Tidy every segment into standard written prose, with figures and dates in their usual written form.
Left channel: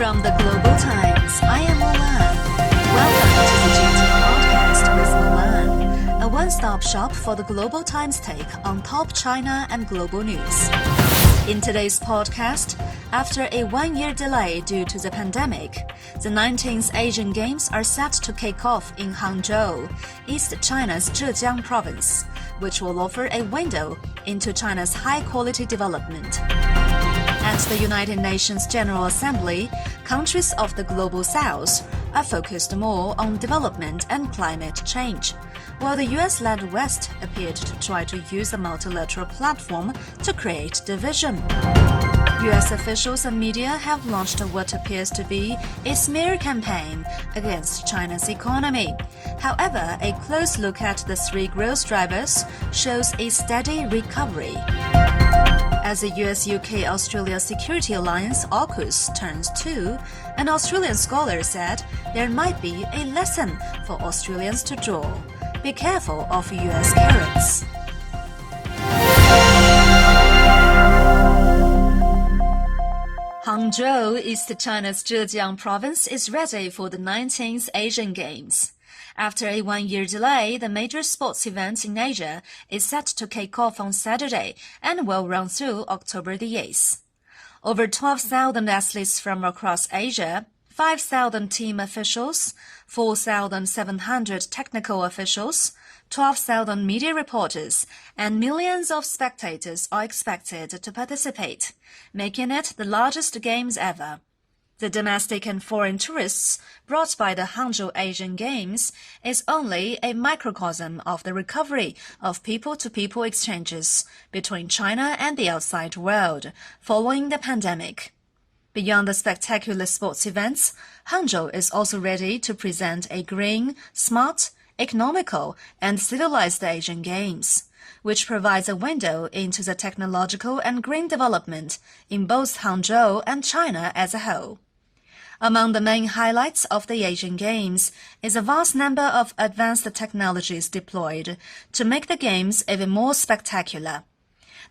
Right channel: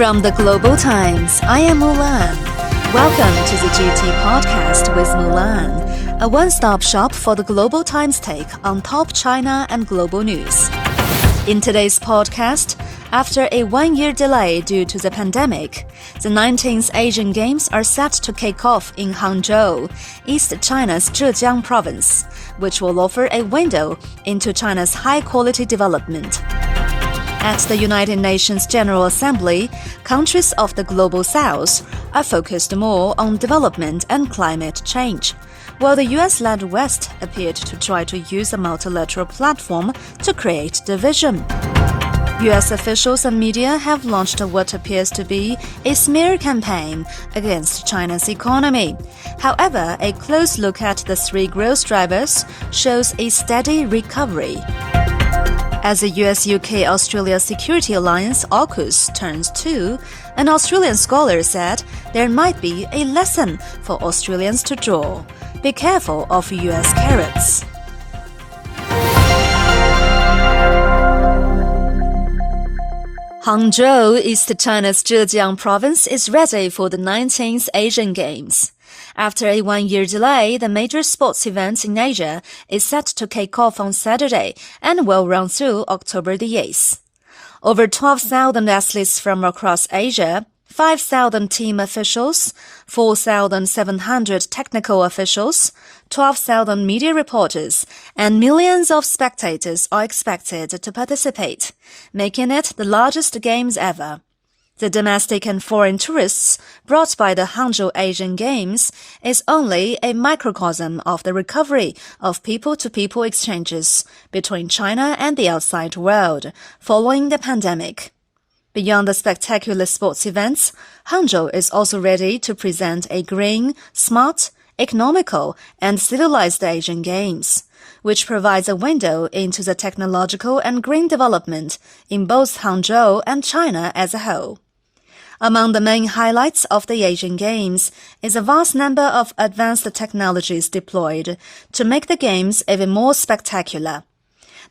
From the Global Times, I am Mulan. Welcome to the GT Podcast with Mulan, a one-stop shop for the Global Times take on top China and global news. In today's podcast, after a one-year delay due to the pandemic, the 19th Asian Games are set to kick off in Hangzhou, East China's Zhejiang province, which will offer a window into China's high-quality development. At the United Nations General Assembly, countries of the Global South are focused more on development and climate change, while the US-led West appeared to try to use a multilateral platform to create division. US officials and media have launched what appears to be a smear campaign against China's economy. However, a close look at the three growth drivers shows a steady recovery. As the US-UK-Australia Security Alliance AUKUS turns 2, an Australian scholar said there might be a lesson for Australians to draw. Be careful of US carrots. Hangzhou, East China's Zhejiang province, is ready for the 19th Asian Games. After a one-year delay, the major sports event in Asia is set to kick off on Saturday and will run through October the 8th. Over 12,000 athletes from across Asia, 5,000 team officials, 4,700 technical officials, 12,000 media reporters, and millions of spectators are expected to participate, making it the largest games ever. The domestic and foreign tourists brought by the Hangzhou Asian Games is only a microcosm of the recovery of people-to-people exchanges between China and the outside world following the pandemic. Beyond the spectacular sports events, Hangzhou is also ready to present a green, smart, economical, and civilized Asian Games, which provides a window into the technological and green development in both Hangzhou and China as a whole. Among the main highlights of the Asian Games is a vast number of advanced technologies deployed to make the Games even more spectacular.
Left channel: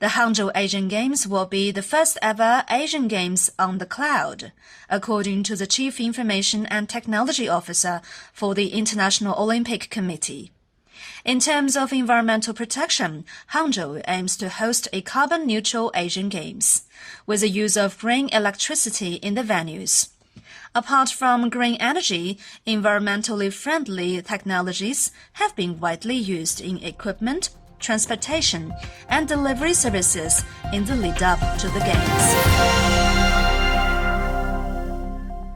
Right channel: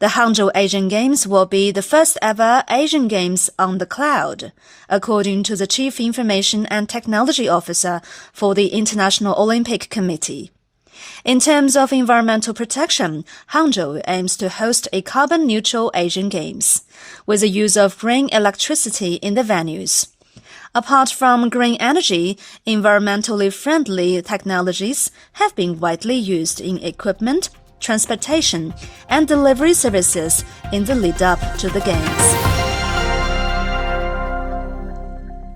The Hangzhou Asian Games will be the first ever Asian Games on the cloud, according to the Chief Information and Technology Officer for the International Olympic Committee. In terms of environmental protection, Hangzhou aims to host a carbon-neutral Asian Games, with the use of green electricity in the venues. Apart from green energy, environmentally friendly technologies have been widely used in equipment, transportation, and delivery services in the lead-up to the Games.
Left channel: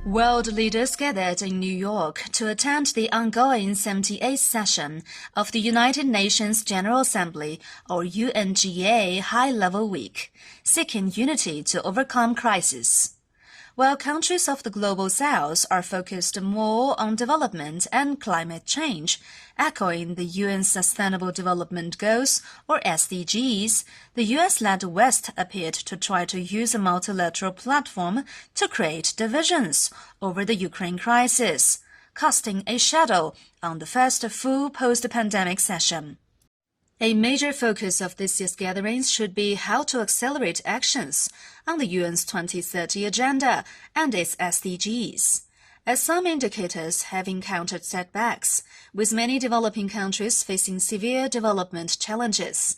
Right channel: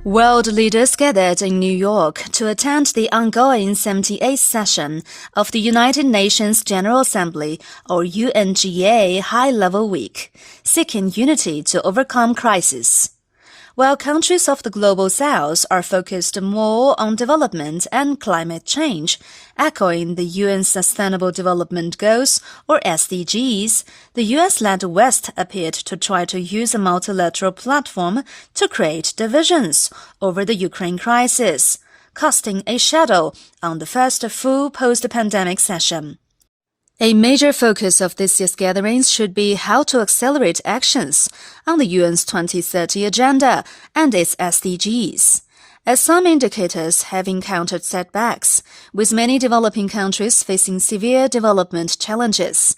World leaders gathered in New York to attend the ongoing 78th session of the United Nations General Assembly, or UNGA, High-Level Week, seeking unity to overcome crisis. While countries of the Global South are focused more on development and climate change, echoing the UN's Sustainable Development Goals, or SDGs, the US-led West appeared to try to use a multilateral platform to create divisions over the Ukraine crisis, casting a shadow on the first full post-pandemic session. A major focus of this year's gatherings should be how to accelerate actions on the UN's 2030 agenda and its SDGs, as some indicators have encountered setbacks, with many developing countries facing severe development challenges.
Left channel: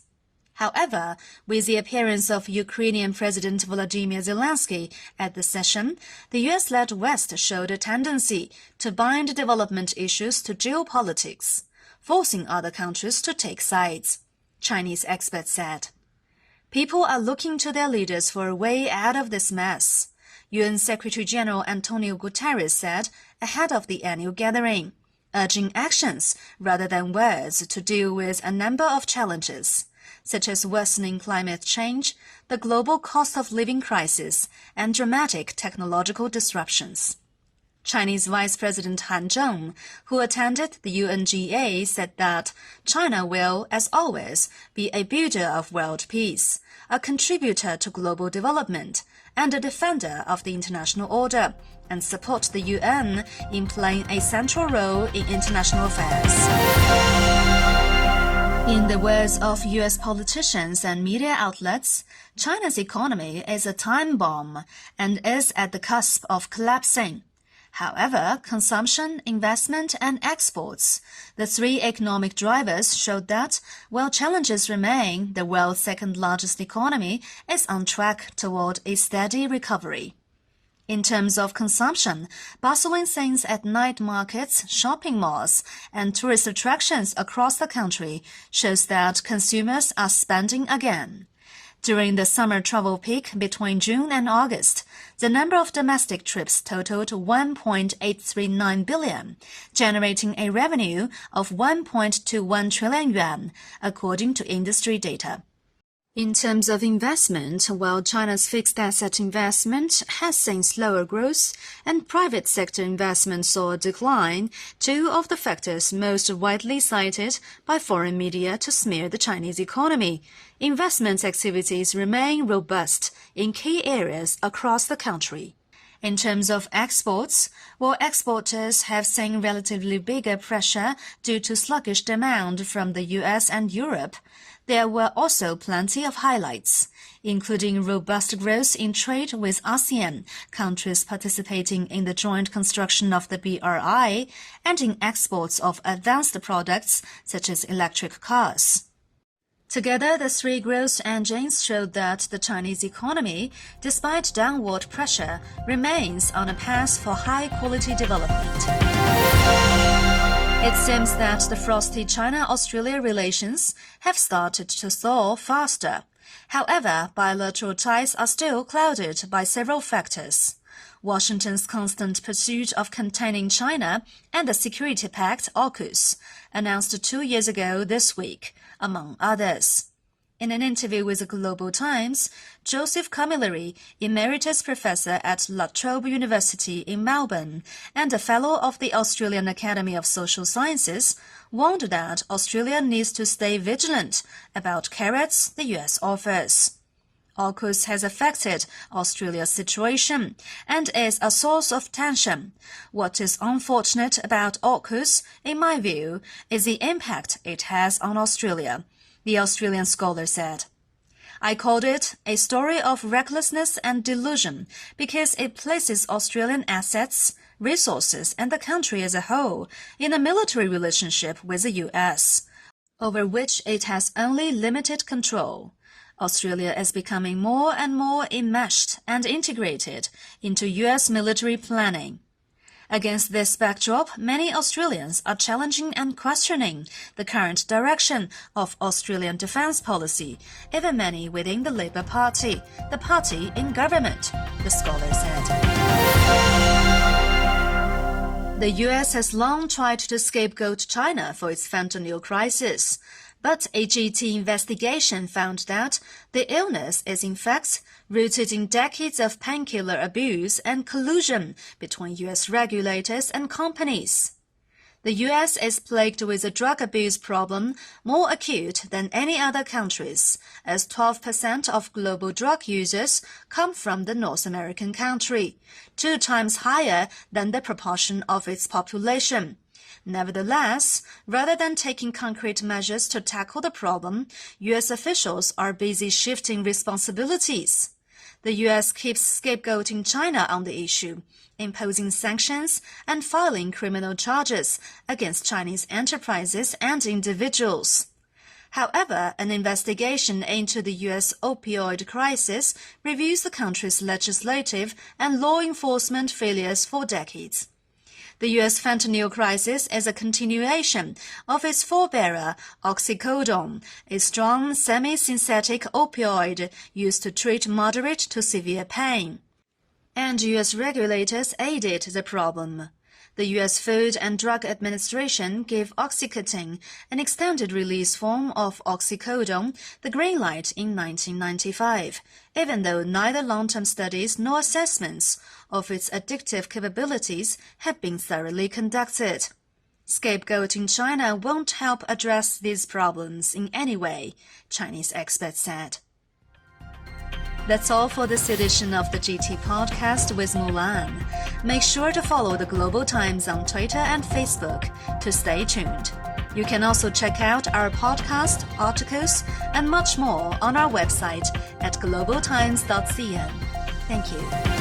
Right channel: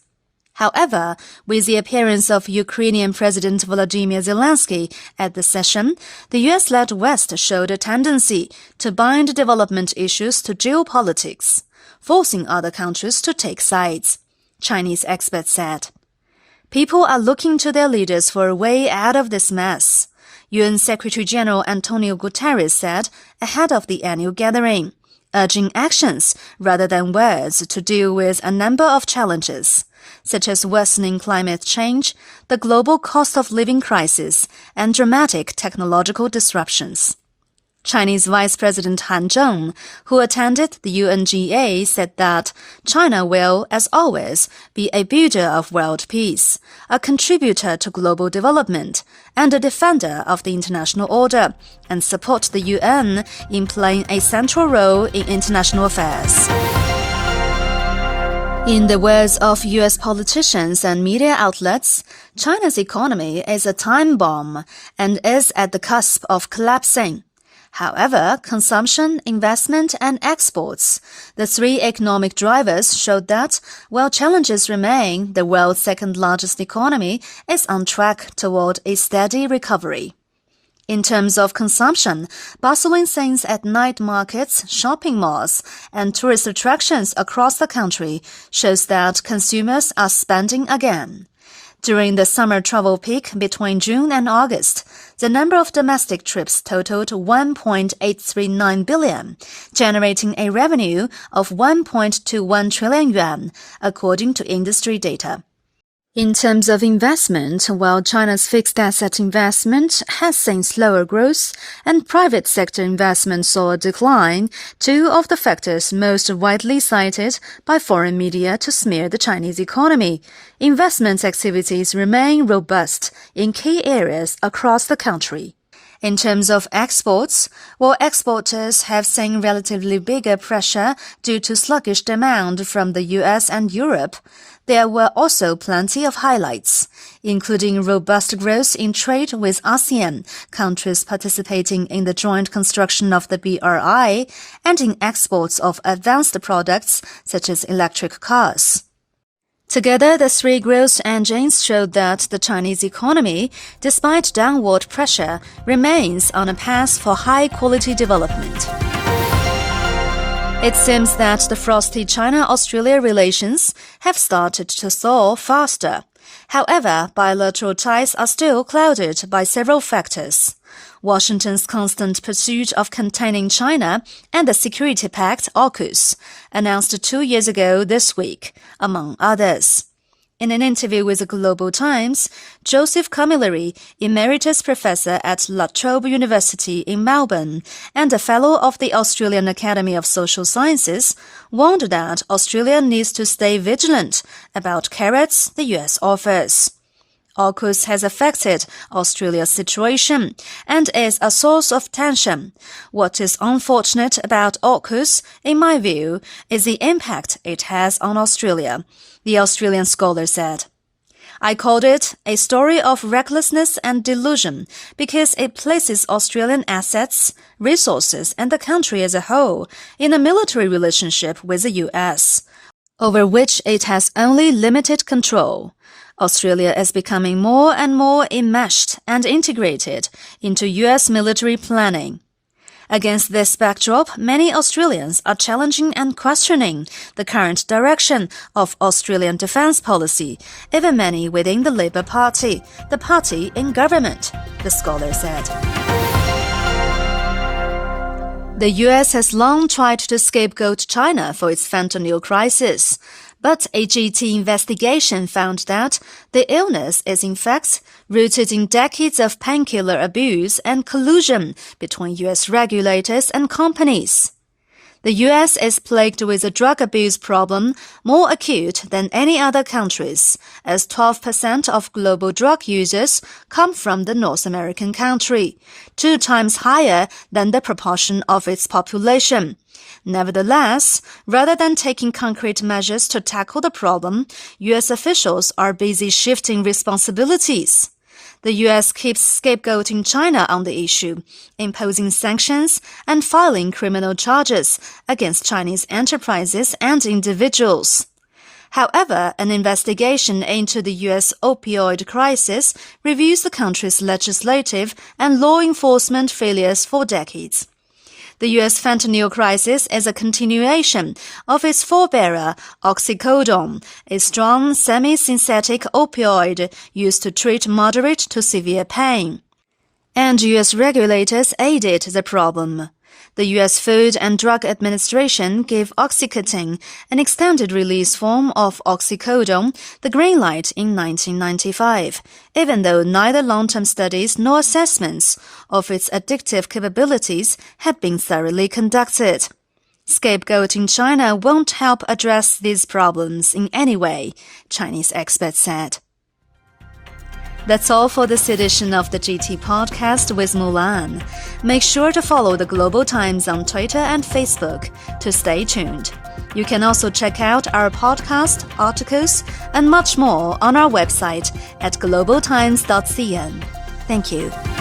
However, with the appearance of Ukrainian President Volodymyr Zelensky at the session, the US-led West showed a tendency to bind development issues to geopolitics, forcing other countries to take sides, Chinese experts said. People are looking to their leaders for a way out of this mess, UN Secretary-General Antonio Guterres said ahead of the annual gathering, urging actions rather than words to deal with a number of challenges, such as worsening climate change, the global cost of living crisis, and dramatic technological disruptions. Chinese Vice President Han Zheng, who attended the UNGA, said that China will, as always, be a builder of world peace, a contributor to global development, and a defender of the international order, and support the UN in playing a central role in international affairs. In the words of U.S. politicians and media outlets, China's economy is a time bomb and is at the cusp of collapsing. However, consumption, investment, and exports, the three economic drivers, showed that, while challenges remain, the world's second-largest economy is on track toward a steady recovery. In terms of consumption, bustling scenes at night markets, shopping malls, and tourist attractions across the country shows that consumers are spending again. During the summer travel peak between June and August, the number of domestic trips totaled 1.839 billion, generating a revenue of 1.21 trillion yuan, according to industry data. In terms of investment, while China's fixed asset investment has seen slower growth and private sector investment saw a decline, two of the factors most widely cited by foreign media to smear the Chinese economy, investment activities remain robust in key areas across the country. In terms of exports, while exporters have seen relatively bigger pressure due to sluggish demand from the US and Europe, there were also plenty of highlights, including robust growth in trade with ASEAN, countries participating in the joint construction of the BRI, and in exports of advanced products such as electric cars. Together, the three growth engines showed that the Chinese economy, despite downward pressure, remains on a path for high-quality development. It seems that the frosty China-Australia relations have started to thaw faster. However, bilateral ties are still clouded by several factors. Washington's constant pursuit of containing China and the Security Pact, AUKUS, announced 2 years ago this week, among others. In an interview with the Global Times, Joseph Camilleri, emeritus professor at La Trobe University in Melbourne and a fellow of the Australian Academy of Social Sciences, warned that Australia needs to stay vigilant about carrots the US offers. AUKUS has affected Australia's situation and is a source of tension. What is unfortunate about AUKUS, in my view, is the impact it has on Australia, the Australian scholar said. I called it a story of recklessness and delusion because it places Australian assets, resources, and the country as a whole in a military relationship with the US, over which it has only limited control. Australia is becoming more and more enmeshed and integrated into US military planning. Against this backdrop, many Australians are challenging and questioning the current direction of Australian defence policy, even many within the Labour Party, the party in government, the scholar said. The US has long tried to scapegoat China for its fentanyl crisis. But a GT investigation found that the illness is in fact rooted in decades of painkiller abuse and collusion between US regulators and companies. The US is plagued with a drug abuse problem more acute than any other countries, as 12% of global drug users come from the North American country, 2 times higher than the proportion of its population. Nevertheless, rather than taking concrete measures to tackle the problem, U.S. officials are busy shifting responsibilities. The U.S. keeps scapegoating China on the issue, imposing sanctions and filing criminal charges against Chinese enterprises and individuals. However, an investigation into the U.S. opioid crisis reveals the country's legislative and law enforcement failures for decades. The U.S. fentanyl crisis is a continuation of its forebearer, oxycodone, a strong semi-synthetic opioid used to treat moderate to severe pain. And U.S. regulators aided the problem. The U.S. Food and Drug Administration gave Oxycontin, an extended-release form of oxycodone, the green light in 1995, even though neither long-term studies nor assessments of its addictive capabilities had been thoroughly conducted. Scapegoating China won't help address these problems in any way, Chinese experts said. That's all for this edition of the GT Podcast with Mulan. Make sure to follow the Global Times on Twitter and Facebook to stay tuned. You can also check out our podcast, articles, and much more on our website at globaltimes.cn. Thank you.